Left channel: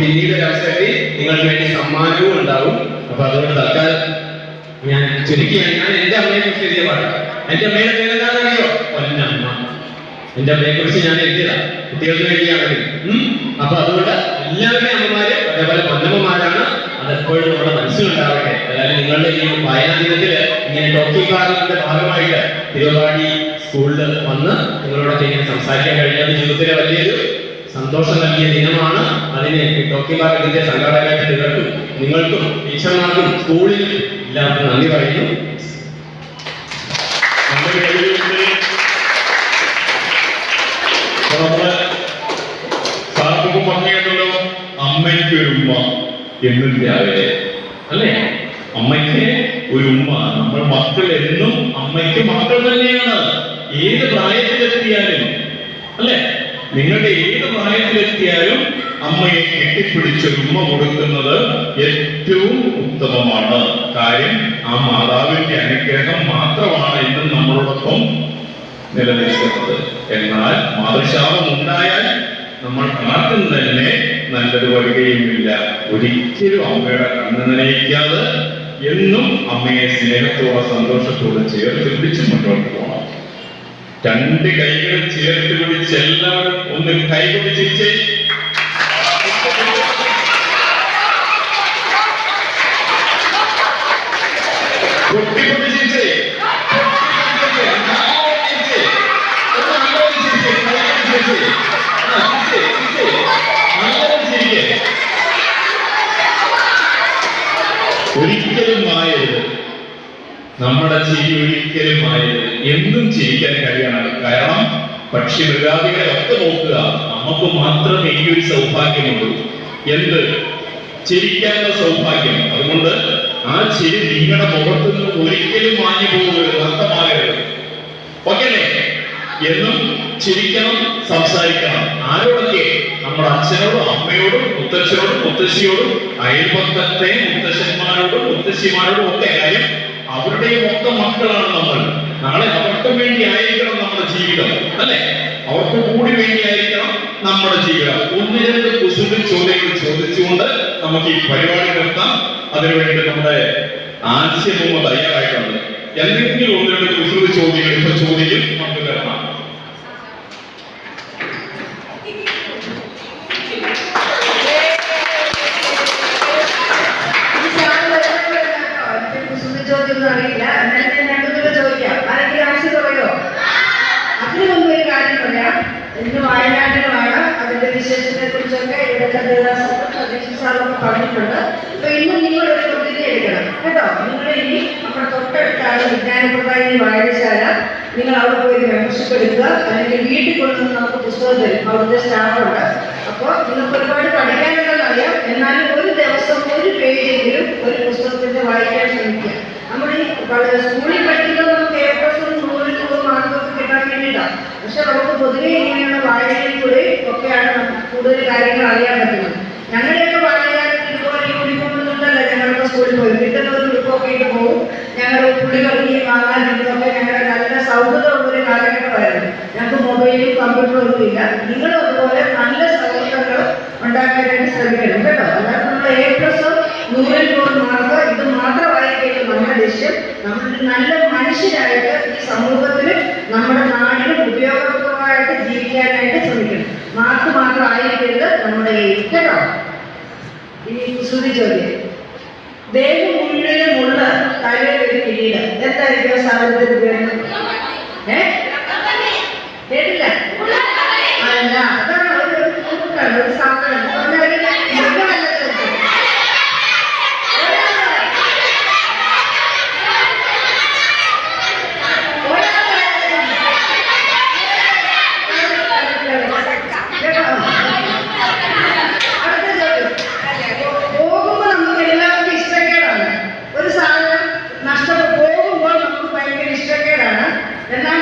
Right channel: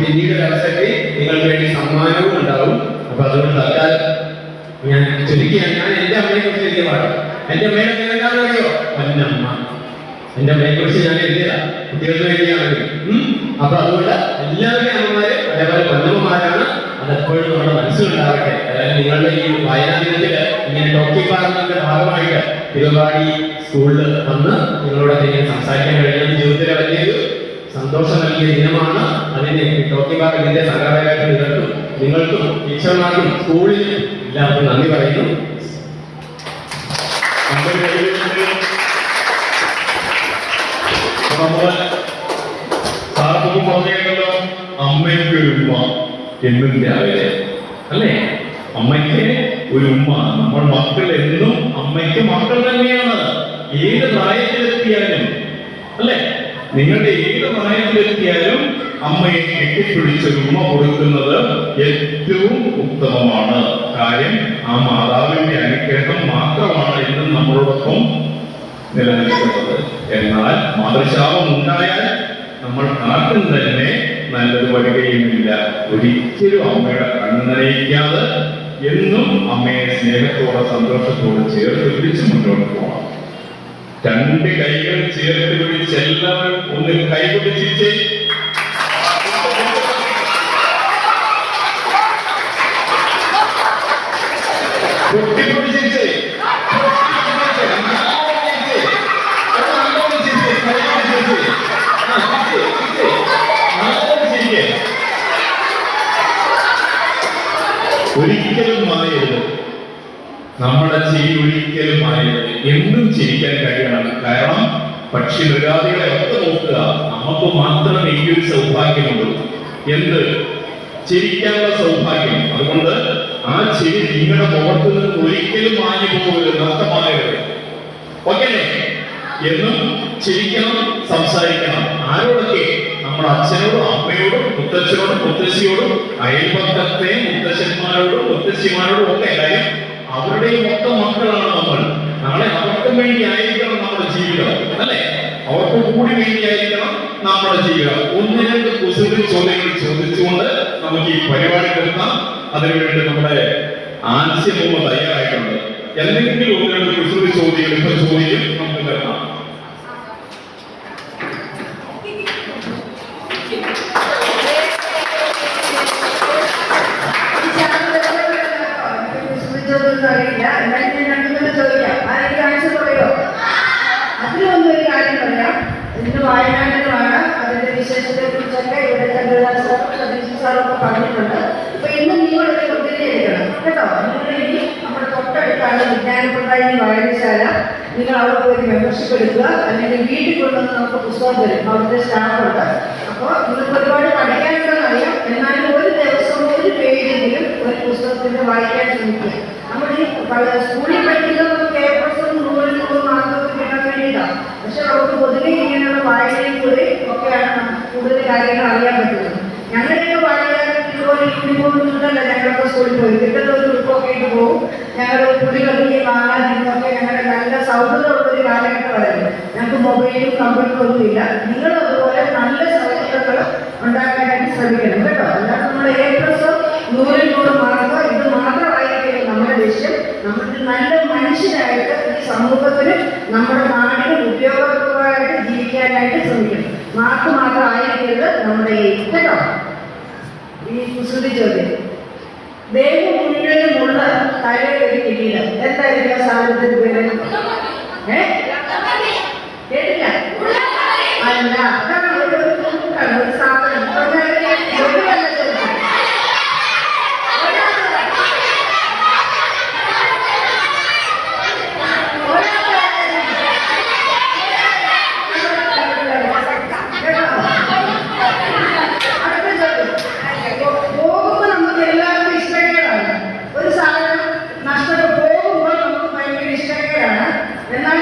പിന്നീട് ഒരു അവസരത്തിൽ നിങ്ങൾക്ക് വേണ്ടി സമ്മാനവും ഉണ്ടാവും. അപ്പൊ അതുകൊണ്ട് തൽക്കാലം ഞാൻ ചുരുക്കിയാണ്. ഞാൻ എന്റെ അമ്മയെ കുറിച്ച് എഴുതിയ പാടാം. എന്റെ അമ്മയുടെ പേര് എന്താണെന്ന് അറിയോ? പൊന്നമ്മ. എന്റെ അമ്മയെ കുറിച്ച് ഞാൻ എഴുതിയതാ, കുട്ടികൾക്ക് വേണ്ടിയാണെങ്കിലും. അപ്പൊ അതുകൊണ്ട് എല്ലാവരുടെയും അമ്മമാര് അതേപോലെ പൊന്നമ്മമാരാണ്. അതെപ്പോഴും നമ്മുടെ മനസ്സിലുണ്ടാവട്ടെ. അതായത് നിങ്ങളുടെ ഈ വായനാദിനത്തില് ഇങ്ങനെ ടോക്കിംഗ് പാർലറിന്റെ ഭാഗമായിട്ട് തിരുവമ്പാടി സ്കൂളിൽ വന്ന് നിങ്ങളോടൊക്കെ ഇങ്ങനെ സംസാരിക്കാൻ കഴിഞ്ഞത് ജീവിതത്തിലെ വലിയൊരു സന്തോഷം നൽകിയ ദിനമാണ്. അതിനെ ടോക്കിംഗ് പാർലറിന്റെ സംഘാടകരായിട്ട് നിങ്ങൾക്കും ടീച്ചർമാർക്കും സ്കൂളിനും എല്ലാവർക്കും നന്ദി പറയുന്നു. പറഞ്ഞല്ലോ, അമ്മയ്ക്ക് ഒരു ഉമ്മ എന്നും രാവിലെ അല്ലേ? അമ്മയ്ക്ക് ഒരു ഉമ്മ. നമ്മൾ മക്കൾ എന്നും അമ്മയ്ക്ക് മക്കൾ തന്നെയാണ്. ഏത് പ്രായത്തിലെത്തിയാലും അല്ലേ, നിങ്ങളുടെ ഏത് പ്രായത്തിലെത്തിയാലും അമ്മയെ കെട്ടിപ്പിടിച്ചൊരു ഉമ്മ കൊടുക്കുന്നത് ഏറ്റവും ഉത്തമമാണ്. കാര്യം ആ മാതാവിന്റെ അനുഗ്രഹം മാത്രമാണ് ഇന്നും നമ്മളോടൊപ്പം നിലനിൽക്കുന്നത്. എന്നാൽ മാതൃശാപം ഉണ്ടായാൽ നമ്മൾ ആർക്കും തന്നെ നല്ലത് വരികയുമില്ല. ഒരിക്കലും അമ്മയുടെ കണ്ണ് നനയിക്കാതെ എന്നും അമ്മയെ സ്നേഹത്തോടെ സന്തോഷത്തോടെ ചേർത്ത് പിടിച്ച് മുന്നോട്ട് പോകണം. രണ്ട് കൈകൾ ചേർത്ത് പിടിച്ച് എല്ലാവരും ഒന്ന് കൈകൊണ്ട് ചിരിച്ചേ. പൊട്ടിപ്പൊട്ടി ചിരിച്ചേ. ഒരിക്കലും മായരുത്, നമ്മുടെ ചിരി ഒരിക്കലും മായരുത്. എന്നും ചിരിക്കാൻ കഴിയണം. കാരണം പക്ഷി മൃഗാദികളെ ഒക്കെ നോക്കുക, നമുക്ക് മാത്രമേ ഈ ഒരു സൗഭാഗ്യമുള്ളൂ. എന്ത്? ചിരിക്കാനുള്ള സൗഭാഗ്യം. അതുകൊണ്ട് ആ ചിരി നിങ്ങളുടെ മുഖത്ത് നിന്ന് ഒരിക്കലും മാഞ്ഞു പോകരുത്, നഷ്ടമാകരുത്. ഓക്കെ അല്ലേ? എന്നും ചിരിക്കണം, സംസാരിക്കണം. ആരോടൊക്കെ? നമ്മുടെ അച്ഛനോടും അമ്മയോടും മുത്തച്ഛനോടും മുത്തശ്ശിയോടും അയൽപക്കത്തെ മുത്തശ്ശന്മാരോടും മുത്തശ്ശിമാരോടും ഒക്കെ. കാര്യം അവരുടെയും മൊത്തം മക്കളാണ് നമ്മൾ. നാളെ അവർക്കും വേണ്ടി ആയിരിക്കണം നമ്മുടെ ജീവിതം അല്ലെ? അവർക്ക് കൂടി വേണ്ടിയായിരിക്കണം നമ്മുടെ ജീവിതം. ഒന്ന് രണ്ട് കുസൃതി ചോദ്യങ്ങൾ ചോദിച്ചുകൊണ്ട് നമുക്ക് ഈ പരിപാടി നിർത്താം. അതിനുവേണ്ടി നമ്മുടെ ആശയമൊന്ന് തയ്യാറായിട്ടുണ്ട്. എന്തെങ്കിലും ഒന്ന് രണ്ട് കുസൃതി ചോദ്യങ്ങൾ ഇപ്പൊ ചോദിക്കും, നമുക്ക് തരണം. വയനാട്ടിലുമാണ്. അതിന്റെ വിശേഷത്തെ കുറിച്ചൊക്കെ ഇവിടെ സാറൊക്കെ പറഞ്ഞിട്ടുണ്ട്. അപ്പൊ ഇന്ന് നിങ്ങളൊരു പ്രതിജ്ഞ എടുക്കണം കേട്ടോ. നിങ്ങൾ ഇനി നമ്മുടെ തൊട്ടടുത്താണ് വിജ്ഞാനപ്രദായിനി വായനശാല. നിങ്ങൾ അവിടെ പോയി മെമ്പർഷിപ്പ് എടുക്കുക, അല്ലെങ്കിൽ വീട്ടിൽ കൊണ്ടുവന്ന് നമുക്ക് പുസ്തകം തരും. അവിടുത്തെ സ്റ്റാഫുണ്ട്. അപ്പോൾ നിങ്ങൾക്ക് ഒരുപാട് പഠിക്കാനുണ്ടെന്ന് അറിയാം. എന്നാലും ഒരു ദിവസം ഒരു പേജെങ്കിലും ഒരു പുസ്തകത്തിന്റെ വായിക്കാൻ ശ്രമിക്കുക. നമ്മുടെ ഈ സ്കൂളിൽ പഠിക്കുന്നത് നമുക്ക് A+ഉം 100 മാർക്കൊക്കെ കിട്ടാൻ വേണ്ടിയിട്ടാണ്. പക്ഷെ നമുക്ക് പൊതുവെ ഇങ്ങനെയുള്ള വായനയിൽ കൂടെ ഒക്കെയാണ് കൂടുതൽ കാര്യങ്ങൾ അറിയാൻ പറ്റുന്നത്. ഞങ്ങളുടെയൊക്കെ വായനകാലത്ത് ഇതുപോലെ യൂണിഫോമിട്ടല്ല ഞങ്ങളൊക്കെ സ്കൂളിൽ പോയി. കിട്ടുന്ന ഒരു ഉടുപ്പൊക്കെ ഇട്ട് പോകും. ഞങ്ങൾ കുടികളിൽ വാങ്ങാൻ നിന്നൊക്കെ ഞങ്ങളുടെ നല്ല സൗഹൃദമുള്ളൊരു കാലഘട്ടമായിരുന്നു. ഞങ്ങൾക്ക് മൊബൈലും കമ്പ്യൂട്ടറും ഒന്നും ഇല്ല. നിങ്ങളും അതുപോലെ നല്ല സൗഹൃദങ്ങൾ ഉണ്ടാക്കാനായിട്ട് ശ്രമിക്കണം കേട്ടോ. അതായത് നമ്മൾ A+ഉം 100 മാർക്ക് ഇത് മാത്രമായിരിക്കും നമ്മുടെ ലക്ഷ്യം. നമ്മളൊരു നല്ല മനുഷ്യരായിട്ട് ഈ സമൂഹത്തിനും നമ്മുടെ നാടിനും ഉപയോഗപ്രദമായിട്ട് ജീവിക്കാനായിട്ട് ശ്രമിക്കണം. മാർക്ക് മാത്രമായിരിക്കരുത് നമ്മുടെ കേട്ടോ. ഈ കുസൃതി ചോദ്യം. ദേവി മുഴുവനുമുള്ള തലയൊരു കിരീടം എന്തായിരിക്കും സാധനത്തിന് പേര്? കേട്ടില്ല? അല്ല, അതാണ് ഒരു സാധനം. എന്നാൽ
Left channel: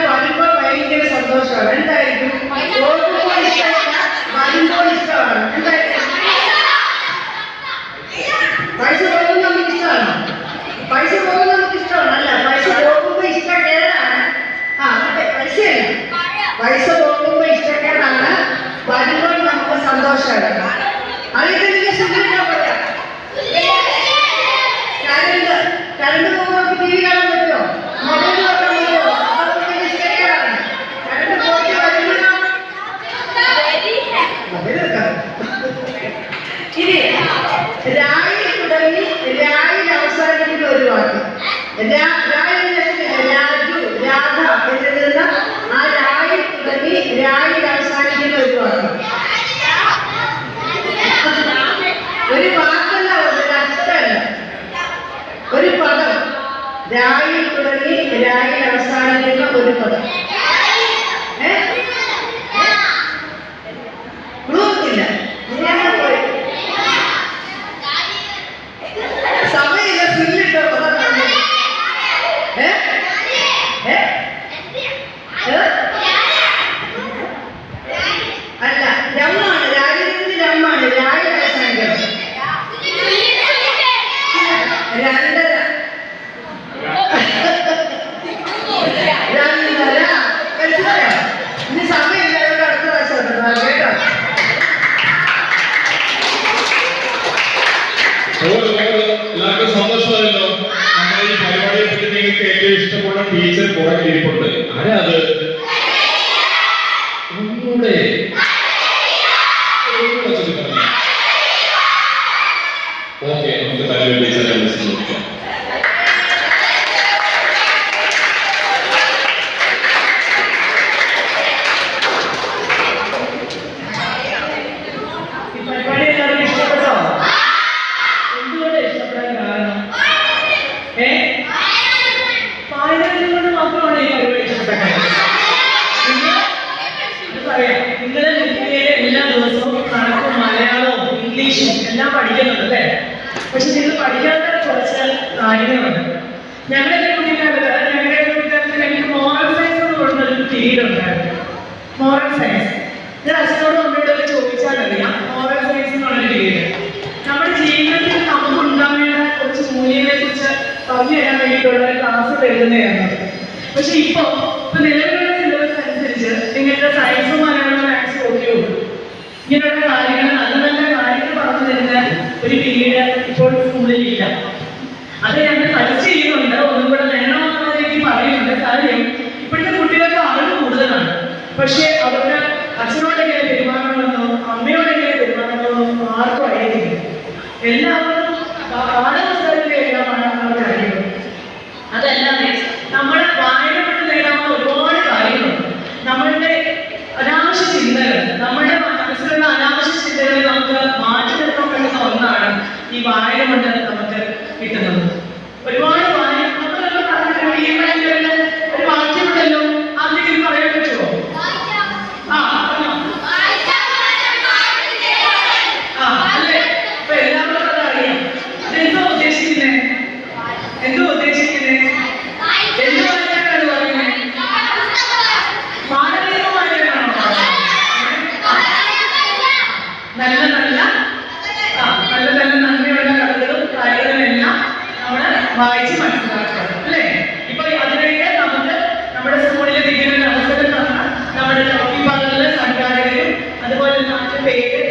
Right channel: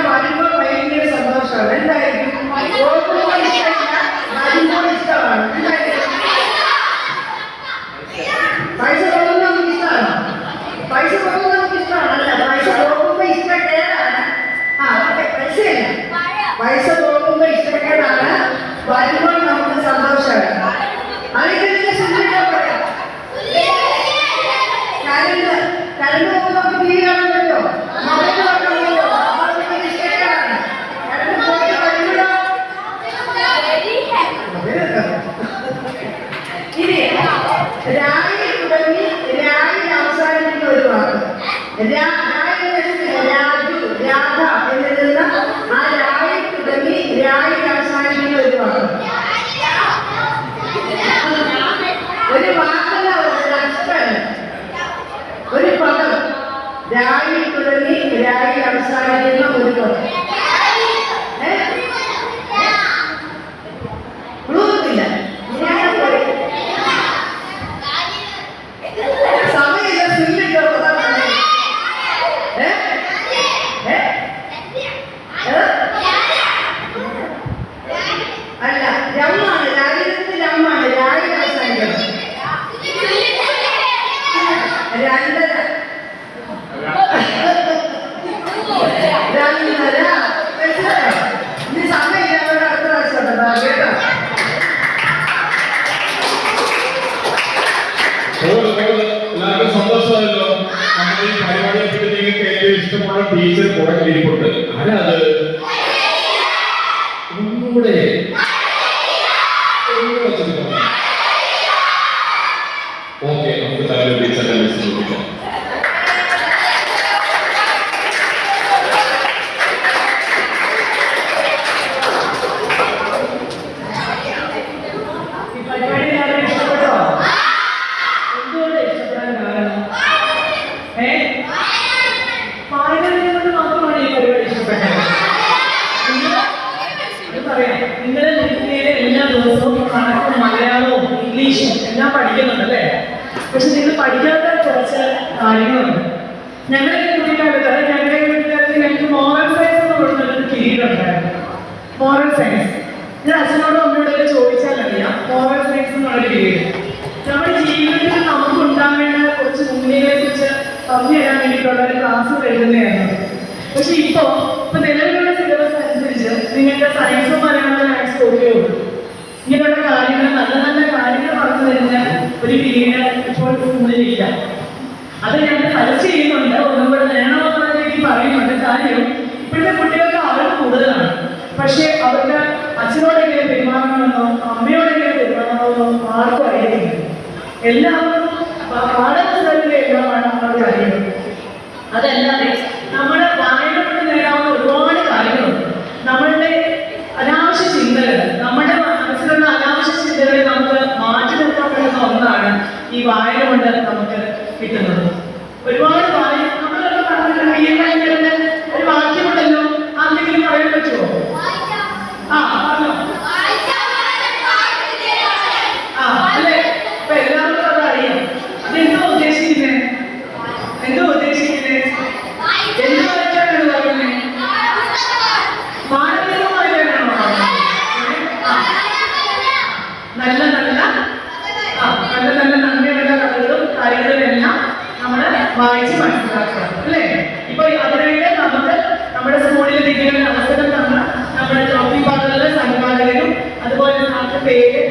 ഏറ്റവും ഇഷ്ടമുള്ള ടീച്ചർ പുറകിൽ ഇരിപ്പുണ്ട്. ആരാ അത്? ഒന്നുകൂടെ ഓക്കെ, നമുക്ക് തലയിൽ ടീച്ചറിനെ വിളിച്ച് നോക്കാം. നിങ്ങളെ എല്ലാ ദിവസവും കണക്കും മലയാളവും ഇംഗ്ലീഷും എല്ലാം പഠിക്കുന്നുണ്ടല്ലേ? പക്ഷെ നിങ്ങൾ പഠിക്കാത്ത കുറച്ച് കാര്യങ്ങളുണ്ട്. ഞങ്ങളുടെ കുട്ടിക്കാലത്ത് ഞങ്ങൾക്ക് മോറൽ സയൻസ് എന്ന് പറഞ്ഞൊരു പീരീഡ് ഉണ്ടായിരുന്നു. മോറൽ സയൻസ് ഞാൻ അച്ഛനോടും അമ്മയോടൊക്കെ ചോദിച്ചാൽ അറിയാം. മോറൽ സയൻസ് എന്ന് പറഞ്ഞൊരു പീരീഡ് നമ്മുടെ ജീവിതത്തിൽ നമുക്ക് ഉണ്ടാവേണ്ട കുറച്ച് മൂല്യങ്ങളെ കുറിച്ച് പറഞ്ഞു തരാൻ വേണ്ടിയിട്ടുള്ള ഒരു ക്ലാസ്സുകൾ എഴുതുന്നതാണ്. പക്ഷെ ഇപ്പൊ നിലവിലുള്ള സിലബസ് അനുസരിച്ച് നിങ്ങൾക്ക് സയൻസോ മലയാളം മാത്സ് ഓക്കെയോ ഇങ്ങനെയുള്ള കാര്യങ്ങൾ നല്ല നല്ല കാര്യങ്ങൾ പറഞ്ഞു തരുന്ന ഒരു പീരീഡ് ഇപ്പോൾ സ്കൂളിലില്ല. അത് ഞങ്ങൾ സജസ്റ്റ് ചെയ്യുന്നുണ്ട്, ഒന്നും കൂടെ വേണമെന്നുള്ള രീതിയിൽ പറയുന്നുണ്ട്. കാര്യം ഇപ്പോഴത്തെ കുട്ടികൾക്ക് അറിവ് കൂടുതലാണ്, പക്ഷെ അവർക്ക് അച്ഛനോടെങ്ങനെ പെരുമാറണമെന്നോ അമ്മയോടെങ്ങനെ പെരുമാറണമെന്നോ ആർക്കും അറിയത്തില്ല. എല്ലാവർക്കും പാഠപുസ്തകത്തിന്റെ എല്ലാമാണ് അവർക്ക് അറിയുന്നത്. അതല്ലാതെ നമ്മുടെ വായന കൊണ്ട് നേടാവുന്ന ഒരുപാട് കാര്യങ്ങളുണ്ട്. നമ്മളുടെ അനാവശ്യ ചിന്തകൾ, നമ്മുടെ മനസ്സിലുള്ള അനാവശ്യ ചിന്തകളെ നമുക്ക് മാറ്റി നിർത്താൻ പറ്റുന്ന ഒന്നാണ് ഈ വായന കൊണ്ട് നമുക്ക് കിട്ടുന്നത്. ഒരുപാട് വായന നമ്മളൊക്കെ പറഞ്ഞിട്ടുണ്ട്. ഈ പറയുന്ന ഒരു വാക്യമുണ്ടല്ലോ, ആർക്കെങ്കിലും പറയാൻ പറ്റുമോ? പറഞ്ഞോ. അല്ലേ? ഇപ്പൊ എല്ലാവർക്കും അതറിയാം. അതെന്തോ ഉദ്ദേശിക്കുന്നത്? എന്തോ ഉദ്ദേശിക്കുന്നത്? എന്ത് വായിക്കാനാണ് പറയുന്നത്? മാനവികം വായിക്കാനാണോ? നല്ല നല്ല നല്ല നല്ല നന്മയുള്ള കഥകളും കാര്യങ്ങളും എല്ലാം നമ്മൾ വായിച്ച് മനസ്സിലാക്കുക അല്ലേ? ഇപ്പൊ അതിനായിട്ട് നമുക്ക് നമ്മുടെ സ്കൂളിൽ ഇരിക്കുന്ന ഒരു അവസരം തന്ന നമ്മുടെ ട്രോഫി പങ്കുള്ള സംഘാടകരും അതുപോലെ നാട്ടിലെ പേര്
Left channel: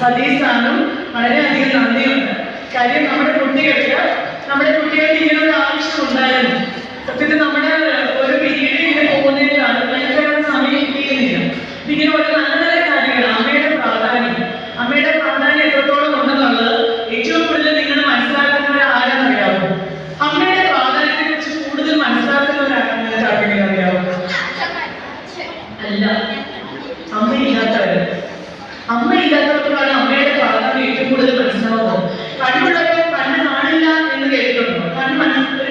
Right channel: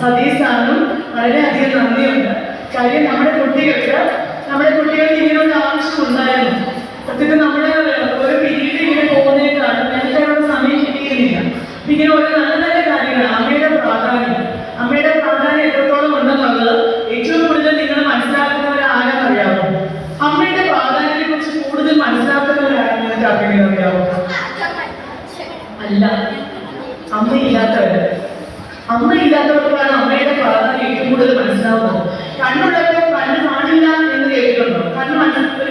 സതീഷ് സാറിനും വളരെയധികം നന്ദിയുണ്ട്. കാര്യം നമ്മുടെ കുട്ടികൾക്ക് ഇങ്ങനൊരു ആവശ്യം ഉണ്ടായിരുന്നു. സത്യത്തിൽ നമ്മുടെ ഒരു പീരീഡ് ഇങ്ങനെ പോകുന്നതിനാണ് ഞങ്ങൾക്ക് സമയം കിട്ടിയിരുന്നില്ല. ഇങ്ങനെ ഒരു നല്ല നല്ല കാര്യങ്ങൾ അമ്മയുടെ പ്രാധാന്യം എത്രത്തോളം ഉണ്ടെന്നുള്ളത് ഏറ്റവും കൂടുതൽ നിങ്ങൾ മനസ്സിലാക്കുന്നവർ ആരെന്നറിയാമോ? അമ്മയുടെ പ്രാധാന്യത്തെ കുറിച്ച് കൂടുതൽ മനസ്സിലാക്കുന്നവരാണെന്ന് നിങ്ങൾക്ക് ആർക്കെങ്കിലും അറിയാമോ? അല്ല, അമ്മയില്ലാത്തവരാണ്